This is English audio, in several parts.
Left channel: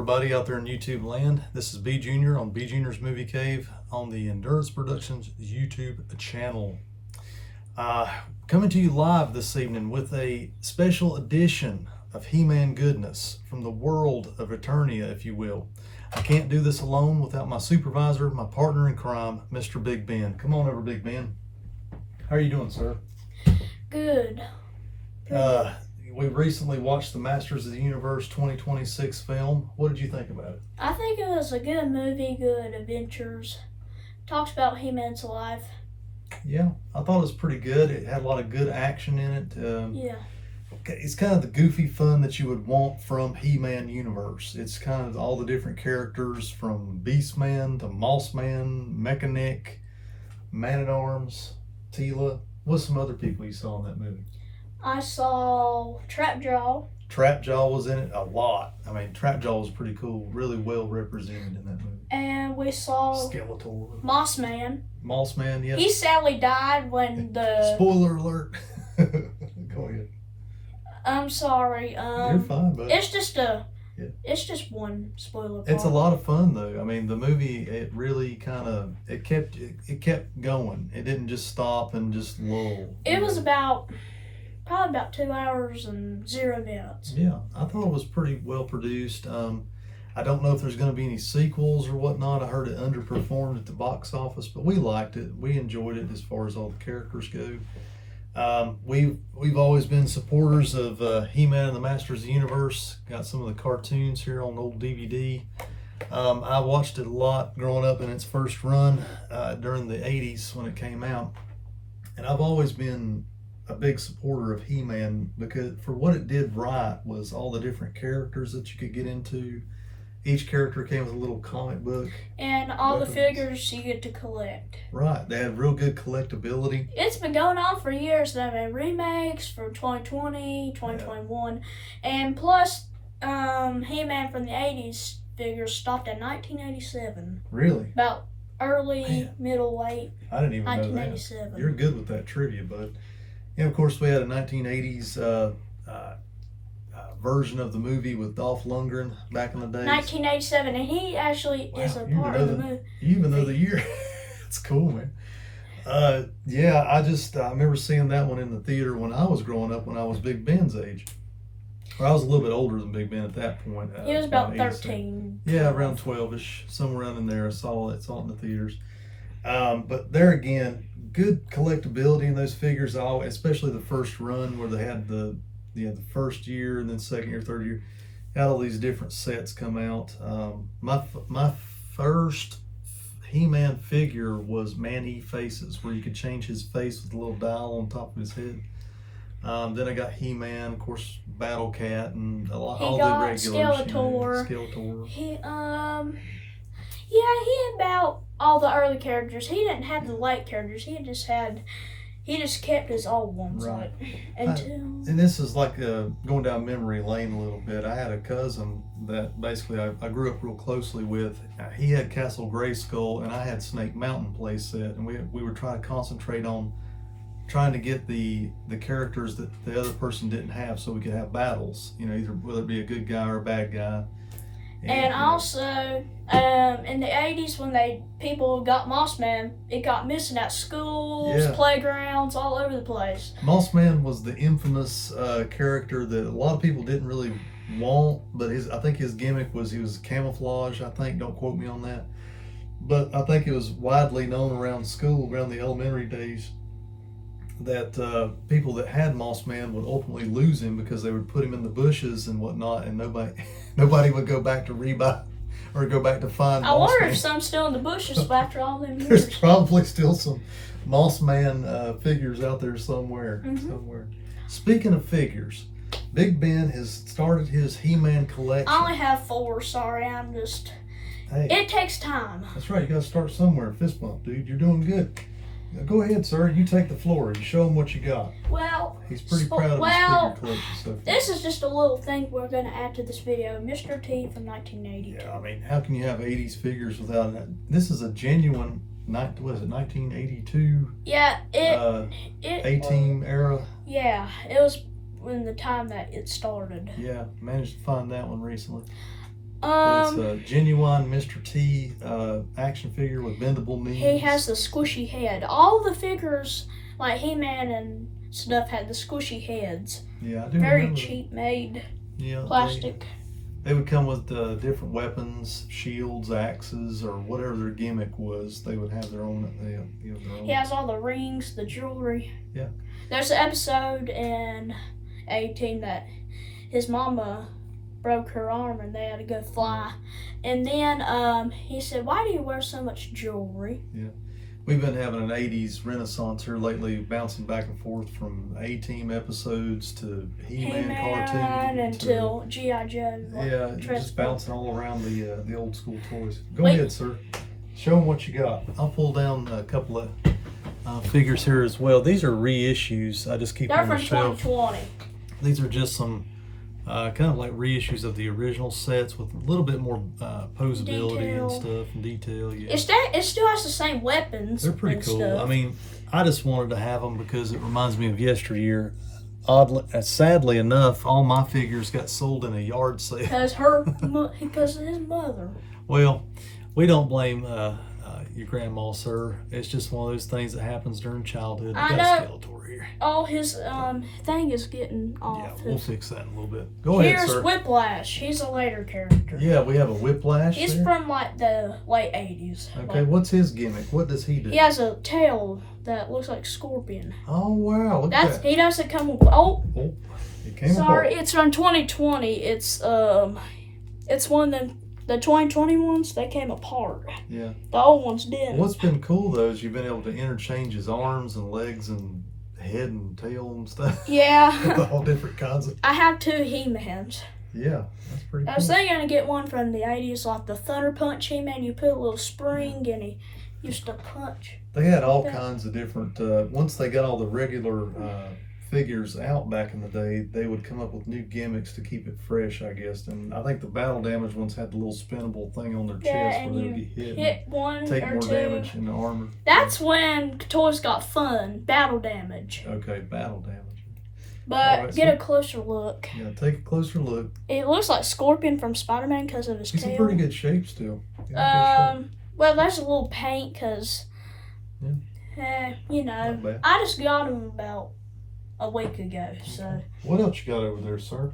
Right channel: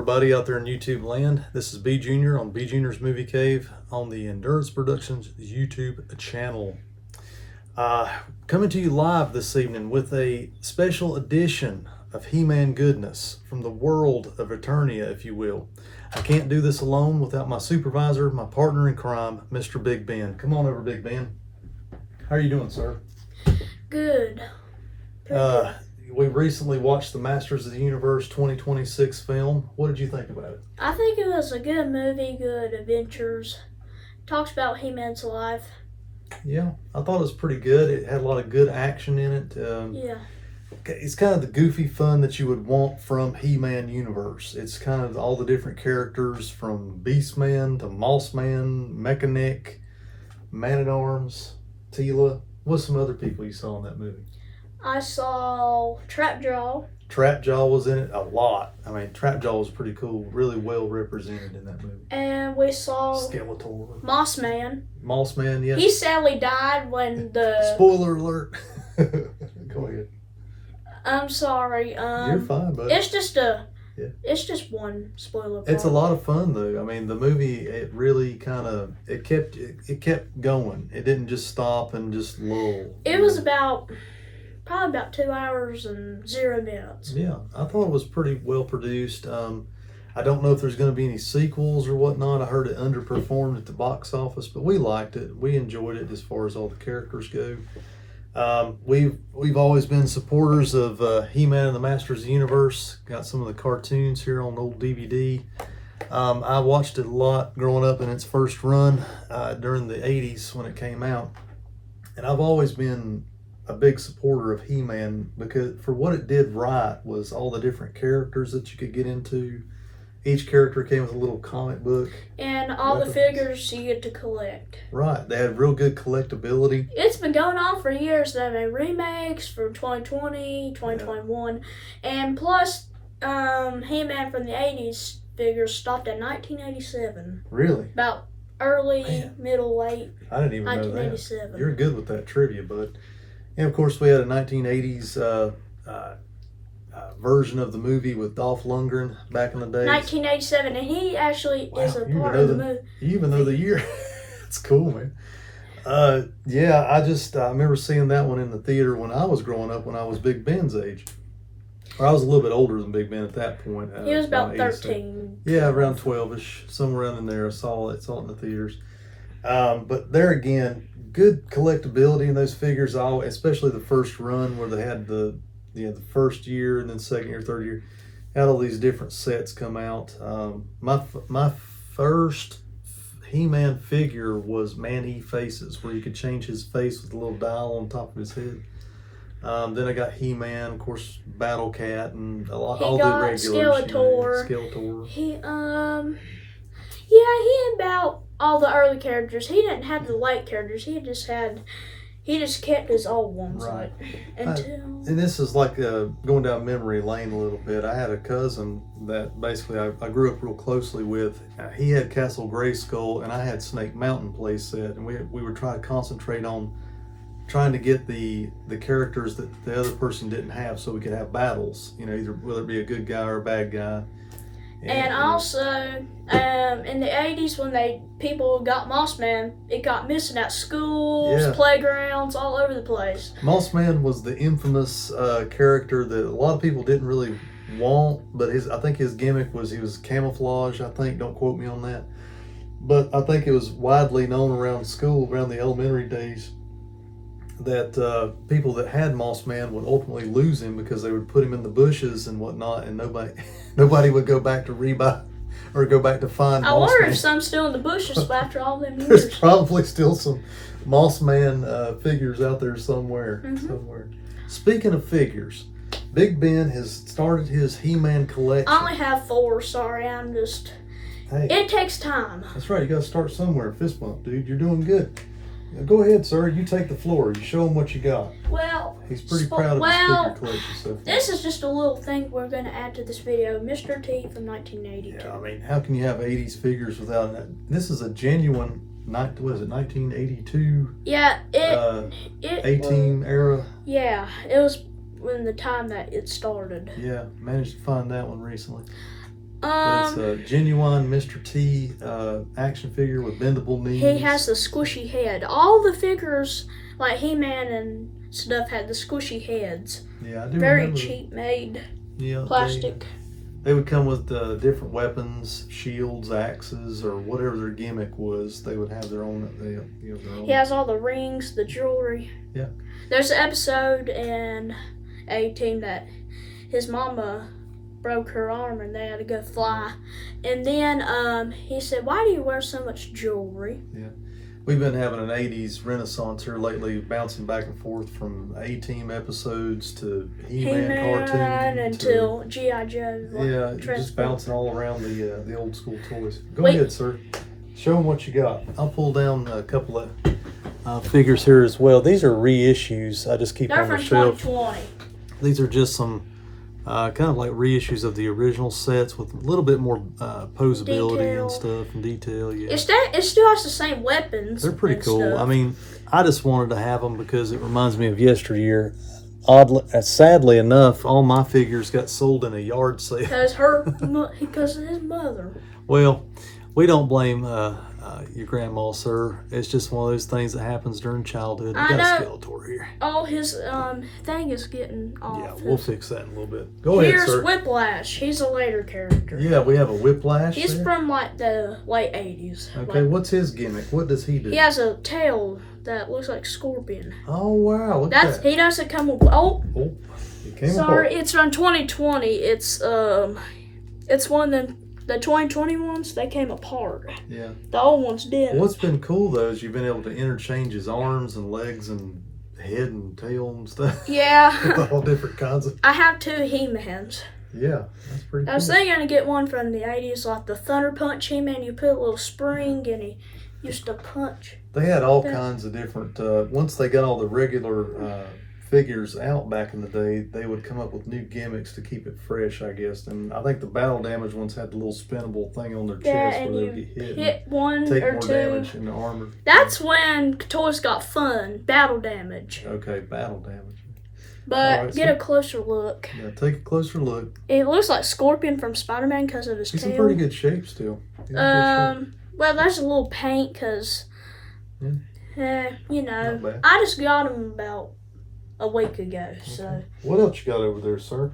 everybody out there in YouTube land. This is B.Jr on B.Jr.'s Movie Cave on the Endurance Productions YouTube channel. Coming to you live this evening with a special edition of He-Man goodness from the world of Eternia, if you will. I can't do this alone without my supervisor, my partner in crime, Mr. Big Ben. Come on over, Big Ben. How are you doing, sir? Good. We recently watched the Masters of the Universe 2026 film. What did you think about it? I think it was a good movie, good adventures. Talks about He-Man's life. Yeah, I thought it was pretty good. It had a lot of good action in it. Yeah. It's kind of the goofy fun that you would want from He-Man universe. It's kind of all the different characters from Beastman to Mossman, Mechanic, Man-at-Arms, Teela. What's some other people you saw in that movie? I saw Trapjaw. Trapjaw was in it a lot. I mean, Trapjaw was pretty cool, really well represented in that movie. And we saw Skeletor. Mossman. Mossman, yeah. He sadly died when the... Spoiler alert. Go ahead. I'm sorry. You're fine, but it's just one spoiler part. It's a lot of fun though. I mean, the movie, it really kind of it kept going. It didn't just stop and just lull. It was probably about 2 hours and 0 minutes. Yeah, I thought it was pretty well produced. I don't know if there's going to be any sequels or whatnot. I heard it underperformed at the box office, but we liked it. We enjoyed it as far as all the characters go. We've always been supporters of He-Man and the Masters of the Universe. Got some of the cartoons here on old DVD. I watched it a lot growing up in its first run during the 80s when it came out. And I've always been a big supporter of He-Man because for what it did right was all the different characters that you could get into. Each character came with a little comic book. And all the figures you get to collect. Right. They had real good collectability. It's been going on for years. They've had remakes from 2020, 2021. And plus, He-Man from the 80s figures stopped at 1987. Really? About early, middle, late I didn't even know 1987. that. You're good with that trivia, bud. And of course, we had a 1980s version of the movie with Dolph Lundgren back in the day. 1987, and he actually is a part of the movie. You even know the year. It's cool, man. Yeah, I remember seeing that one in the theater when I was growing up, when I was Big Ben's age. I was a little bit older than Big Ben at that point. He was about 13. Yeah, around 12-ish, somewhere around in there. I saw it in the theaters. But there again, good collectability in those figures, especially the first run where they had the first year and then second year, third year, had all these different sets come out. My first He-Man figure was Man-E Faces, where you could change his face with a little dial on top of his head. Then I got He-Man, of course, Battle Cat, and all the regulars. Skeletor. He had about all the early characters. He didn't have the late characters. He just kept his old ones. Right. And this is like going down memory lane a little bit. I had a cousin that basically I grew up real closely with. He had Castle Grayskull, and I had Snake Mountain playset, and we would try to concentrate on trying to get the characters that the other person didn't have, so we could have battles. Either whether it be a good guy or a bad guy. And also, in the 80s, when people got Mossman, it got missing at schools, playgrounds, all over the place. Mossman was the infamous character that a lot of people didn't really want, but I think his gimmick was he was camouflage. I think, don't quote me on that, but I think it was widely known around school, around the elementary days, that people that had Mossman would ultimately lose him because they would put him in the bushes and whatnot, and nobody would go back to rebuy or go back to find I Mossman. wonder if some's still in the bushes after all them years. There's probably still some Mossman figures out there somewhere. Speaking of figures, Big Ben has started his He-Man collection. I only have 4, sorry. Hey, it takes time. That's right, you gotta start somewhere. Fist bump, dude. You're doing good. Go ahead, sir. You take the floor. You show him what you got. Well, he's pretty proud of his figure collection so far. This is just a little thing we're going to add to this video. Mr. T from 1982. Yeah, I mean, how can you have 80s figures without that? This is a genuine, 1982? Yeah, A-Team era. Yeah, it was when the time that it started. Yeah, managed to find that one recently. But it's a genuine Mr. T action figure with bendable knees. He has the squishy head. All the figures, like He-Man and stuff, had the squishy heads. Yeah, I do Very remember. cheap made Yeah, plastic. They would come with different weapons, shields, axes, or whatever their gimmick was. They would have their own. Their own. He has all the rings, the jewelry. Yeah. There's an episode in A-Team that his mama broke her arm and they had to go fly. And then he said, "Why do you wear so much jewelry?" Yeah. We've been having an 80s renaissance here lately, bouncing back and forth from A-Team episodes to He-Man cartoons. Until G.I. Joe. Yeah, just bouncing all around the old school toys. Go Wait. ahead, sir. Show them what you got. I'll pull down a couple of figures here as well. These are reissues. I just keep They're on the from shelf. 2020. These are just some kind of like reissues of the original sets with a little bit more posability Detail. and stuff and detail. Yeah, It still has the same weapons. they're pretty and cool. stuff. I mean, I just wanted to have them because it reminds me of yesteryear. Oddly, sadly enough, all my figures got sold in a yard sale. Because of his mother. Well, we don't blame your grandma, sir. It's just one of those things that happens during childhood. I We got a know. Skeletor here. Oh, his thing is getting off. Yeah, we'll fix that in a little bit. Go ahead, Here's sir. Whiplash. He's a later character. Yeah, we have a Whiplash. He's there. from like the late 80s. Okay, Like, what's his gimmick? What does he do? he has a tail that looks like Scorpion. Oh wow, look at that. He doesn't come with. Oh, Oh, it came sorry. apart. It's from 2020. It's one of the 2020 ones. They came apart. Yeah. The old ones didn't. What's been cool though is you've been able to interchange his arms and legs and head and tail and stuff. Yeah. With all different kinds of. I have 2 He-Mans. Yeah, that's pretty I cool. was thinking to get one from the 80s, like the Thunder Punch He-Man. You put a little spring and he used to punch. They had all Yeah. kinds of different. Once they got all the regular figures out back in the day, they would come up with new gimmicks to keep it fresh, I guess. And I think the battle damage ones had the little spinnable thing on their Yeah, chest and where you they'd get hit, hit one and take or more 2. damage in the armor. That's when toys got fun. Battle damage. Okay, battle damage. But Alright, get so- a closer look. Yeah, take a closer look. It looks like Scorpion from Spider-Man because of his He's in tail. pretty good shape still. He's in good shape. Well, there's a little paint because, you know, Not bad. I just got him about a week ago. So What else you got over there, sir?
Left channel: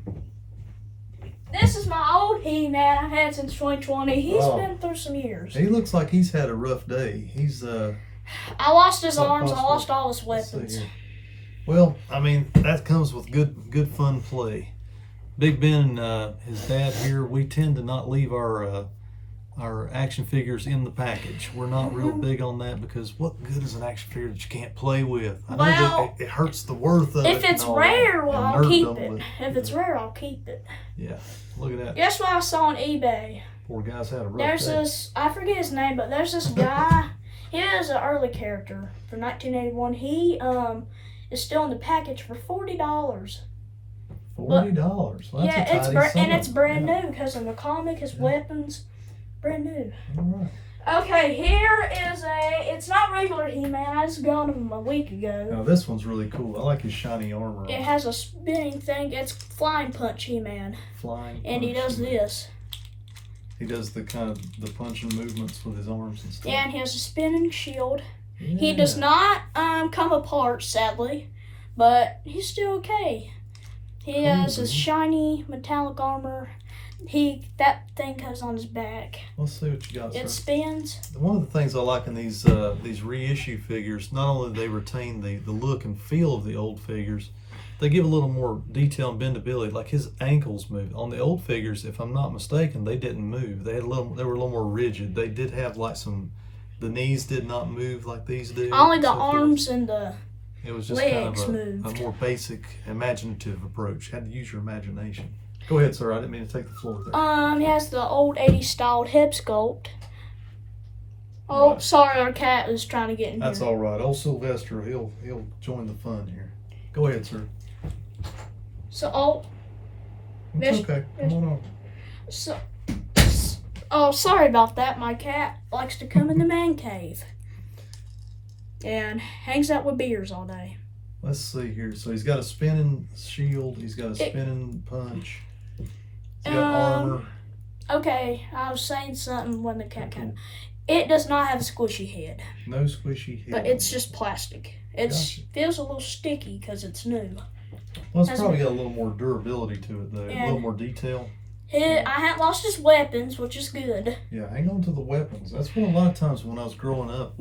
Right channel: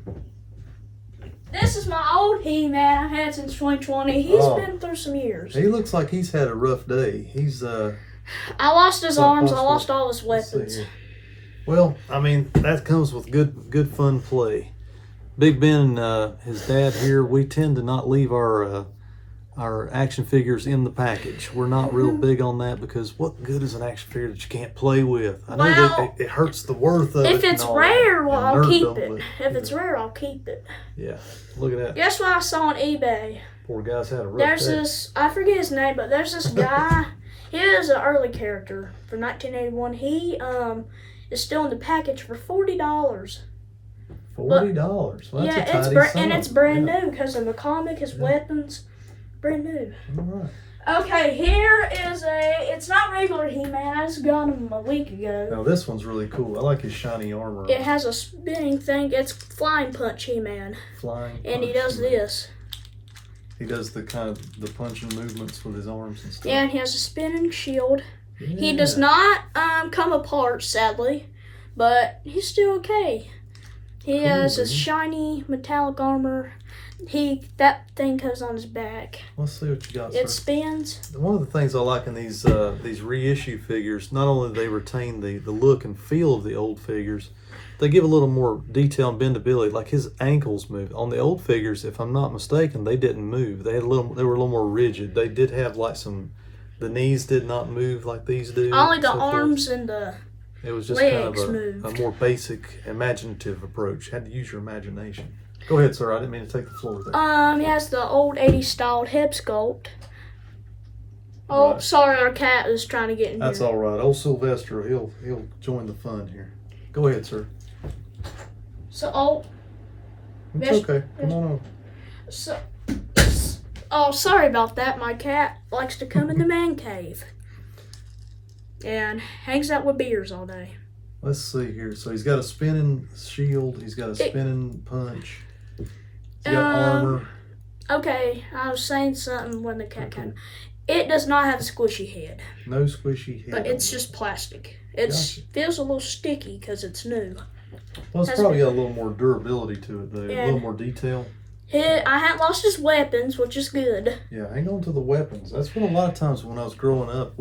this is my old He-Man I've had since 2020. He's Oh. been through some years. He looks like he's had a rough day. He's I lost his Something arms. I possible. lost all his let's see weapons. here. Well, I mean that comes with good fun play. Big Ben and his dad here, we tend to not leave our action figures in the package. We're not real big on that because what good is an action figure that you can't play with? I know Well, that it hurts the worth of it. If it's and all rare, that. well, And I'll nerd keep don't it. look- If it's rare, I'll keep it. Yeah, look at that. Guess what I saw on eBay? Poor guy's had a rough There's day. this, I forget his name, but there's this guy. He is an early character from 1981. He is still in the package for $40. $40. Well, that's a Yeah, tidy and it's sum. brand Yeah. new because of the comic, his weapons, brand new. All right. Okay, here is it's not regular He-Man. I just got him a week ago. Now this one's really cool. I like his shiny armor. It has a spinning thing. It's Flying Punch He-Man, Flying. and he punch. does this. He does the kind of the punching movements with his arms and stuff. Yeah, and he has a spinning shield. He Yeah. does not come apart, sadly, but he's still okay. He Cool, has his dude. shiny metallic armor. That thing goes on his back. Let's see what you got, It sir. spins. One of the things I like in these reissue figures, not only do they retain the look and feel of the old figures, they give a little more detail and bendability. Like his ankles move. On the old figures, if I'm not mistaken, they didn't move. They were a little more rigid. They did have like the knees did not move like these do. Only the so forth. arms and the It was just kind legs of a moved. more basic, imaginative approach. Had to use your imagination. Go ahead, sir. I didn't mean to take the floor there. He has the old 80s styled hip sculpt. Oh, Right. sorry, our cat is trying to get in That's here. all right. Old Sylvester, he'll join the fun here. Go ahead, sir. So, It's Miss- okay. Come on over. so, oh, sorry about that. My cat likes to come in the man cave and hangs out with beers all day. Let's see here. So he's got a spinning shield. He's got a It- spinning punch. He's got armor. Okay, I was saying something when the cat came. It does not have a squishy head. No squishy head. But it's just plastic. It feels a little sticky because it's new. Well, it's probably got a little more durability to it, though. A little more detail. I hadn't lost his weapons, which is good. Yeah, hang on to the weapons. That's when a lot of times when I was growing up,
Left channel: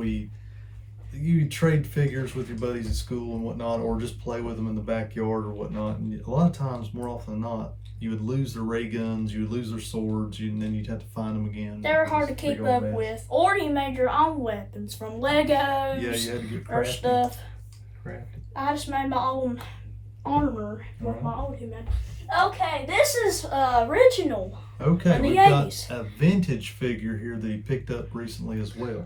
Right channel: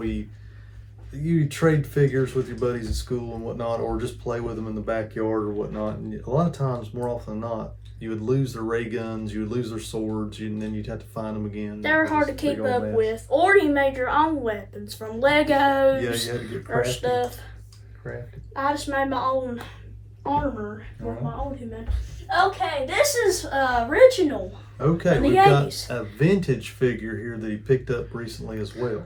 you trade figures with your buddies at school and whatnot, or just play with them in the backyard or whatnot. And a lot of times, more often than not, you would lose their ray guns, you would lose their swords, and then you'd have to find them again. They were hard to keep up with. Or you made your own weapons from Legos you had to get or stuff. Crafted. I just made my own armor with my old human. Okay, this is original. Okay, we've 80s. got a vintage figure here that he picked up recently as well.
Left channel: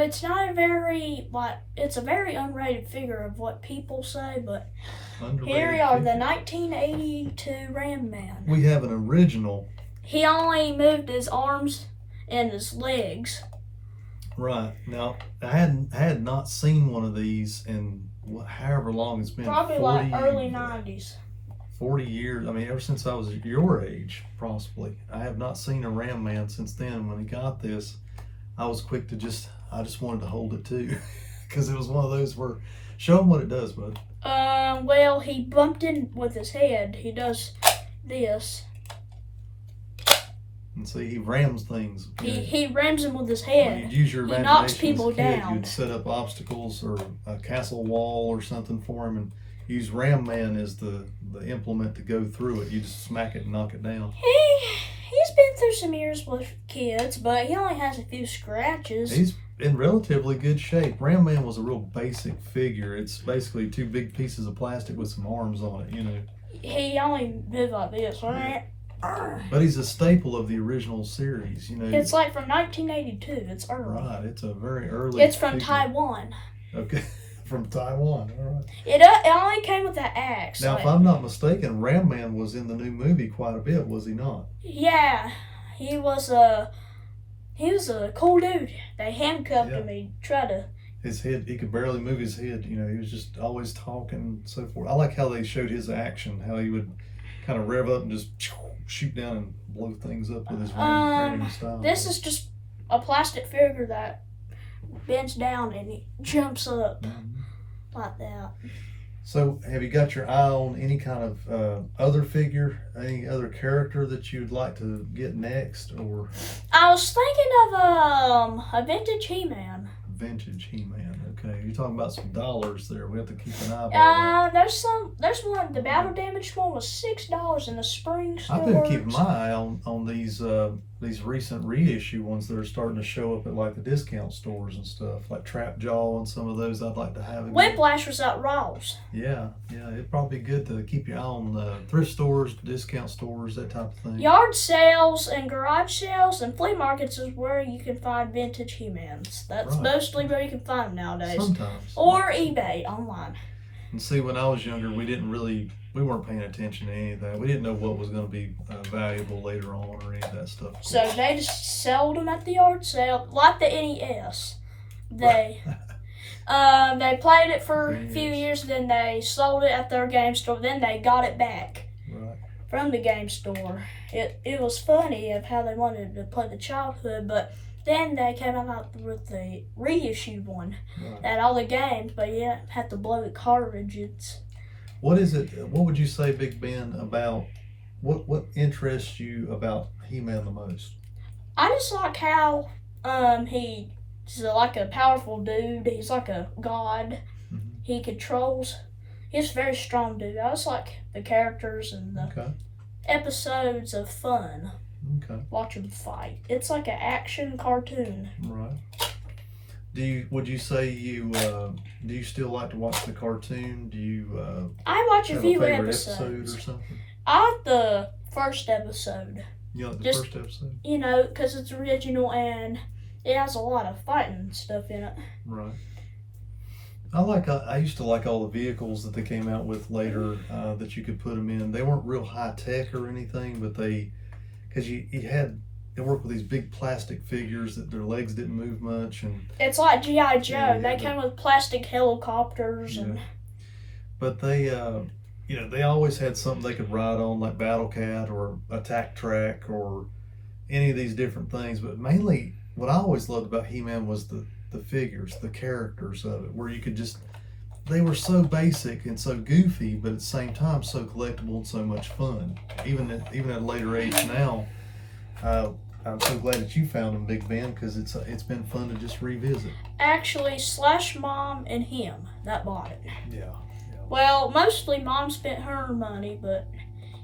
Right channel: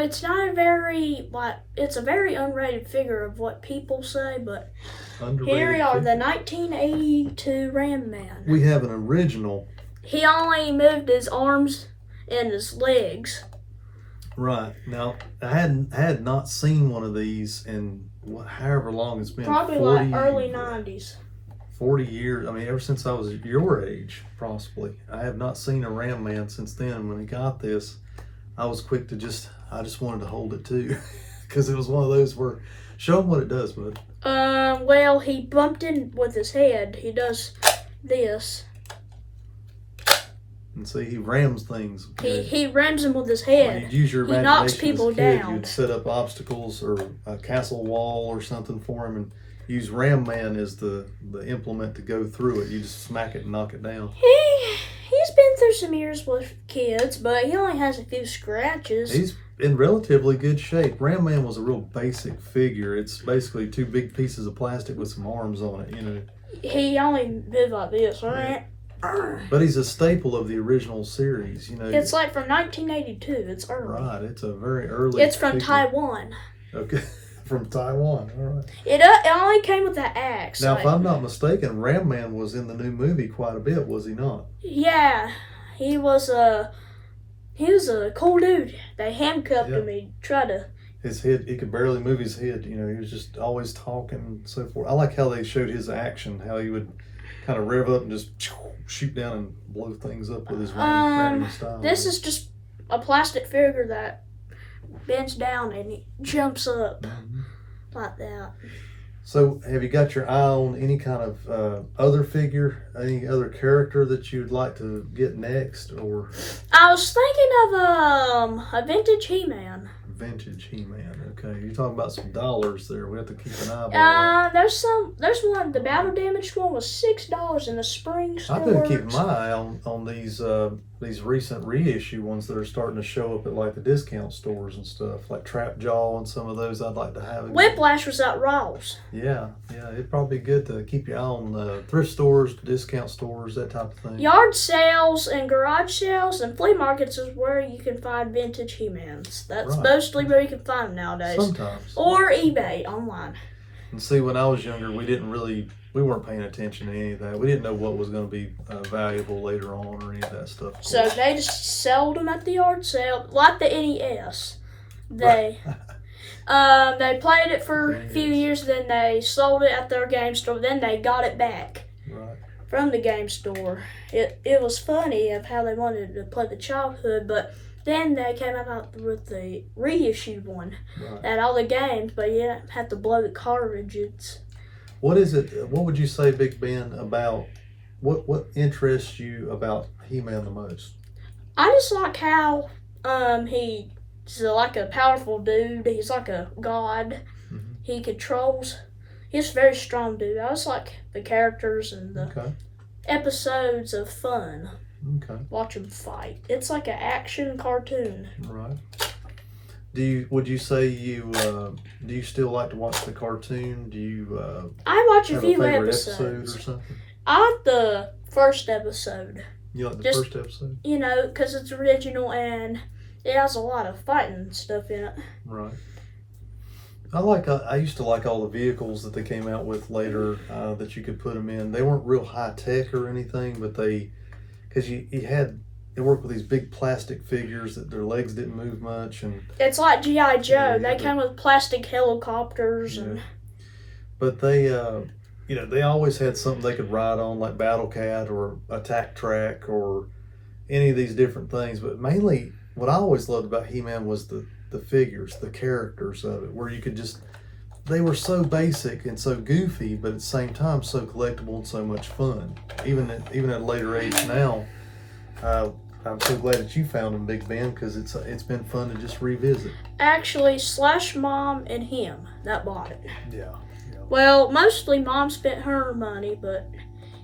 It's not it's a very unrated figure of what people say, but here we are, the 1982 Ram Man. We have an original. He only moved his arms and his legs. Right. Now, I had not seen one of these in however long it's been. Probably 40, like early 90s. 40 years. I mean, ever since I was your age, possibly. I have not seen a Ram Man since then. When he got this, I was quick to I just wanted to hold it too. Because it was one of those where, show him what it does, bud. Well, he bumped in with his head. He does this. And see, he rams things. He rams them with his head. When you use your he knocks people as a kid, down. You'd set up obstacles or a castle wall or something for him, and use Ram Man as the implement to go through it. You just smack it and knock it down. He's been through some years with kids, but he only has a few scratches. He's in relatively good shape. Ram Man was a real basic figure. It's basically two big pieces of plastic with some arms on it, you know. He only did like this, right? But he's a staple of the original series, you know. It's like from 1982. It's early. Right, it's a very early. It's from figure. Taiwan. Okay, from Taiwan. All right. It only came with that axe. Now, if I'm not mistaken, Ram Man was in the new movie quite a bit, was he not? Yeah, he was a cool dude. They handcuffed him. He tried to. His head, he could barely move his head. You know, he was just always talking and so forth. I like how they showed his action, how he would kind of rev up and just shoot down and blow things up with his ramming style. This is just a plastic figure that bends down and he jumps up like that. So, have you got your eye on any kind of other figure, any other character that you'd like to get next, or? I was thinking of a vintage He-Man. Vintage He-Man. Okay, you're talking about some dollars there. We have to keep an eye on. There's one. The battle damaged one was $6 in the spring store. I've been keeping my eye on these recent reissue ones that are starting to show up at like the discount stores and stuff, like Trap Jaw and some of those. I'd like to have again. Whiplash was at Ross. Yeah, it'd probably be good to keep your eye on thrift stores, discount stores, that type of thing. Yard sales and garage sales and flea markets is where you can find vintage He-Mans. That's mostly where you can find them nowadays. Sometimes. Or eBay online. And see, when I was younger, we weren't paying attention to any of that. We didn't know what was going to be valuable later on or any of that stuff. So they just sold them at the yard sale, like the NES. They played it for a few years, then they sold it at their game store, then they got it back from the game store. It was funny of how they wanted to play the childhood, but then they came out with the reissued one that had all the games, but you didn't have to blow the cartridges. What is it? What would you say, Big Ben, about what interests you about He-Man the most? I just like how he's like a powerful dude. He's like a god. Mm-hmm. He controls. He's a very strong dude. I just like the characters and the episodes of fun. Okay. Watch him fight. It's like an action cartoon. Right. Would you say do you still like to watch the cartoon? Do you I watch a few episodes or something? I like the first episode. You like the first episode? You know, because it's original and it has a lot of fighting stuff in it. Right. I used to like all the vehicles that they came out with later that you could put them in. They weren't real high tech or anything, but because they work with these big plastic figures that their legs didn't move much, and it's like G.I. Joe. They came with plastic helicopters But they, they always had something they could ride on, like Battle Cat or Attack Track, or any of these different things, but mainly what I always loved about He-Man was the figures, the characters of it, where you could just, they were so basic and so goofy, but at the same time so collectible and so much fun. Even at a later age now, I'm so glad that you found them, Big Ben, because it's been fun to just revisit. Actually, Slash Mom and him that bought it. Yeah. Well, mostly Mom spent her money, but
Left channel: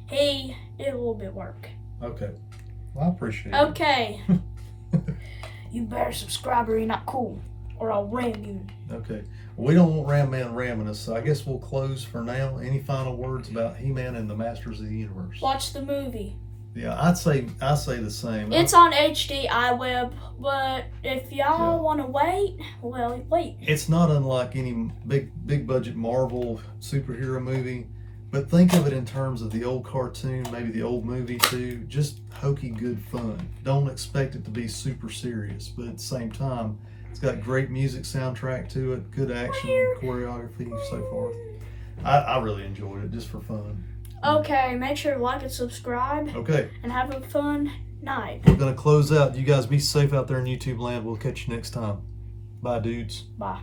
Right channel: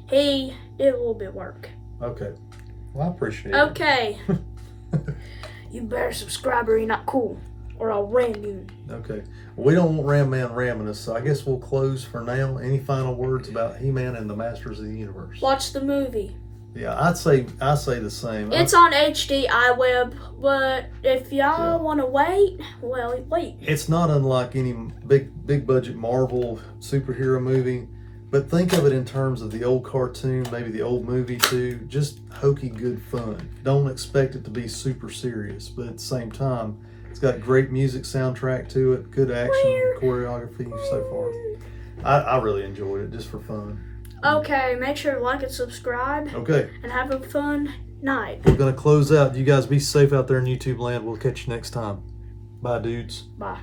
he did a little bit of work. Okay. Well, I appreciate it. Okay. You better subscribe or you're not cool, or I'll ram you. Okay. Well, we don't want Ram Man ramming us, so I guess we'll close for now. Any final words about He-Man and the Masters of the Universe? Watch the movie. Yeah, I say the same. It's on HD iWeb, but if y'all want to wait, well, wait. It's not unlike any big budget Marvel superhero movie, but think of it in terms of the old cartoon, maybe the old movie too. Just hokey good fun. Don't expect it to be super serious, but at the same time, it's got great music soundtrack to it, good action, choreography, so forth. I really enjoyed it just for fun. Okay, make sure to like and subscribe. Okay. And have a fun night. We're going to close out. You guys be safe out there in YouTube land. We'll catch you next time. Bye, dudes. Bye.